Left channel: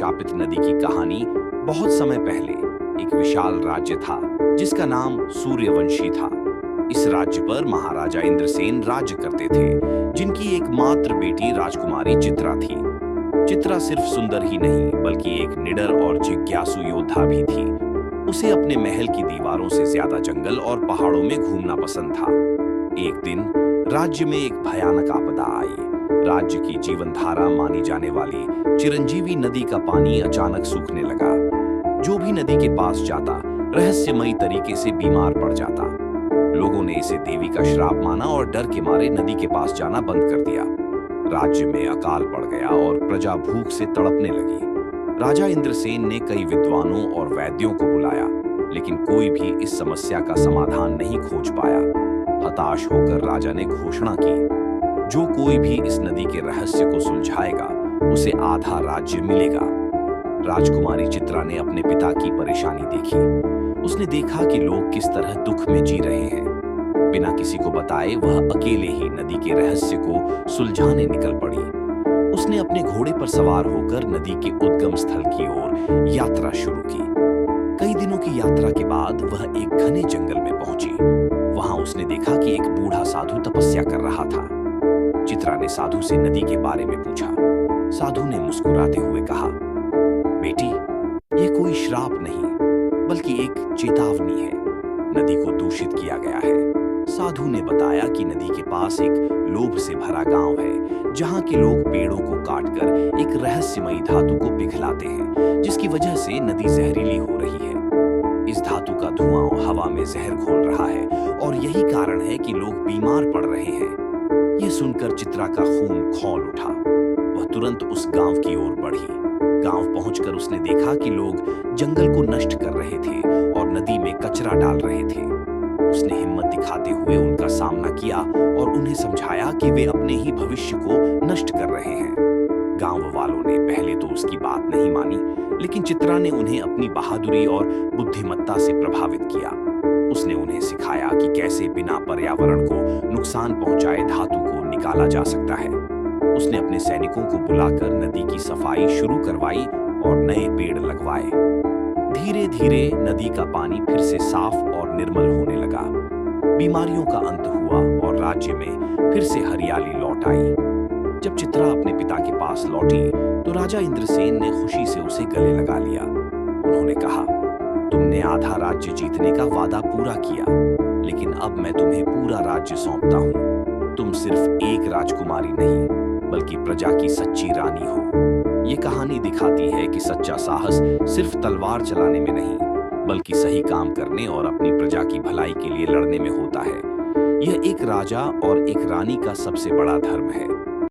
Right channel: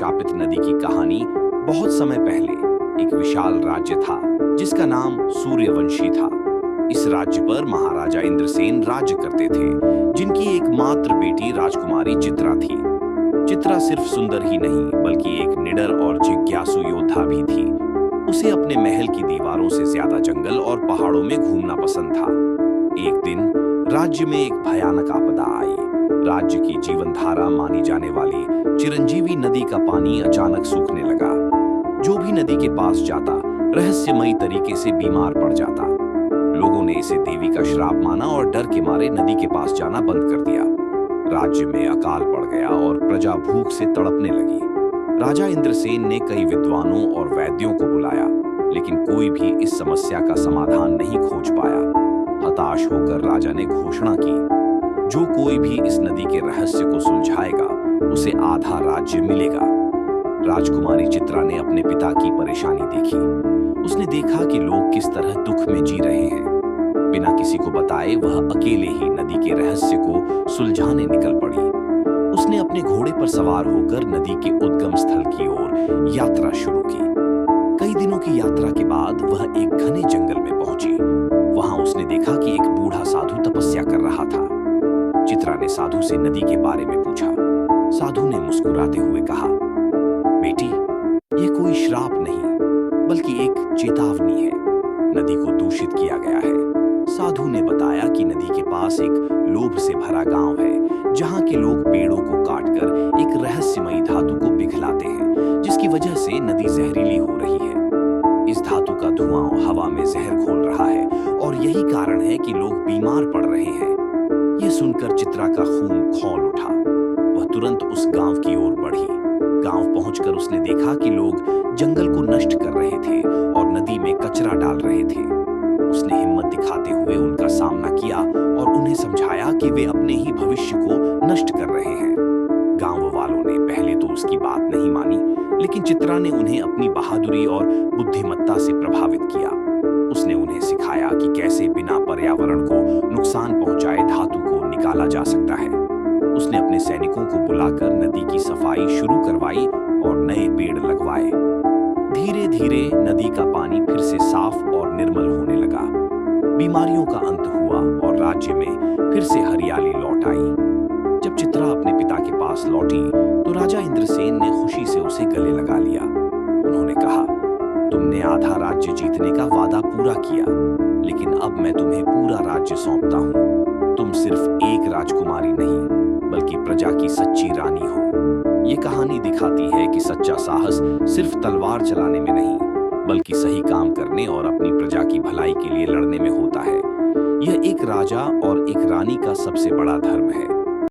शापित नदी की कहानी। बहुत समय पहले एक विशाल राज्य था जिसका नाम सूर्यवंशी था। इस राज्य पर महाराजा इंद्रसेन राज्य करते थे, जिनकी एकमात्र बेटी राजकुमारी चित्रा थी। चित्रा सिर्फ सुंदर ही नहीं बल्कि एक निडर और जिज्ञासु योद्धा भी थी। उसे अपने महल की दीवारों से ज्यादा जंगल और पहाड़ों में घूमना पसंद था। एक दिन राज्य में एक भयानक आपदा आई। राज्य की जीवन धारा मानी जाने वाली चिरंजीवी नदी का पानी अचानक सूखने लगा। जो भी नदी के पास जाता रहस्यमयी तरीके से बीमार पड़ जाता। लोगों ने इसे देवी का श्राप माना और डर के मारे नदी के पास जाना बंद कर दिया। राज्य में अकाल पड़ गया और प्रजा भूख से तड़पने लगी। राजा इंद्रसेन ने कई विद्वानों और वैद्यों को बुलाया, लेकिन कोई भी इस समस्या का समाधान नहीं खोज पाया। हताश होकर राजा ने घोषणा की, जो कोई भी इस नदी के रहस्य को सुलझाएगा उसे आधा राज्य मिलेगा। राजकुमारी चित्रा ने अपने पिता की परेशानी देखी। उसने देखा कि लोग किस तरह दुख में जी रहे हैं। बिना किसी को बताए वह अकेले ही नदी के रहस्य को सुलझाने निकल पड़ी। उसने अपने घोड़े पर सवार होकर नदी के उद्गम स्थल की ओर यात्रा शुरू की। कई दिनों की यात्रा के बाद वह एक घने जंगल में पहुंची। वहां उसने देखा कि एक बूढ़ा साधु तपस्या कर रहा था। चित्रा ने साधु से नदी के बारे में पूछा। साधु ने मुस्कुराते हुए कहा, बेटी, ये कोई श्राप नहीं बल्कि एक चेतावनी है। नदी को दूषित किया गया है। साधु ने बताया कि नदी के पास एक लोभ से भरा गांव है, जहां के लोग पेड़ों को काटकर एक रहस्यमयी धातु को पिघलाते हैं, जिसकी वजह से नदी जहरीली हो रही है। इस धातु का धुआं हवा में जहर घोल रहा है और यही कारण है कि लोग बीमार पड़ रहे हैं। यह सुनकर चित्रा का खून खौल उठा। वह तुरंत उस गांव की ओर बढ़ी। गांव पहुंचकर उसने देखा कि लोग जंगल को नष्ट कर रहे थे और नदी में कचरा डाल रहे थे। उसने हिम्मत दिखाते हुए उनका सामना किया और उन्हें समझाया कि वे अपने ही भविष्य को नष्ट कर रहे हैं। गांव वालों ने पहले तो उसकी बात नहीं मानी, लेकिन चित्रा ने उन्हें अपनी बहादुरी और बुद्धिमत्ता से प्रभावित किया। उसने उन्हें सिखाया कि कैसे बिना पर्यावरण को नुकसान पहुंचाए धातु को निकाला जा सकता है। उसने अपने सैनिकों को बुलाकर नदी की सफाई शुरू करवाई और नए पेड़ लगवाए। धीरे धीरे नदी का पानी फिर से साफ और निर्मल होने लगा। बीमारियों का अंत हुआ और राज्य में फिर से हरियाली लौट आई। जब चित्रा अपने पिता के पास लौटी तो राजा इंद्रसेन ने खुशी से उसे गले लगा लिया। उन्होंने कहा, तुमने आधा राज्य जीतने का वादा पूरा किया, लेकिन अब मैं तुम्हें पूरा राज्य सौंपता हूँ। तुम सिर्फ एक राजकुमारी नहीं बल्कि प्रजा की सच्ची रानी हो। ये कहानी दिखाती है कि सच्चा साहस सिर्फ तलवार चलाने में नहीं बल्कि सही काम करने और अपनी प्रजा की भलाई के लिए लड़ने में होता है। यह एक राजा और एक रानी का सबसे बड़ा धर्म है।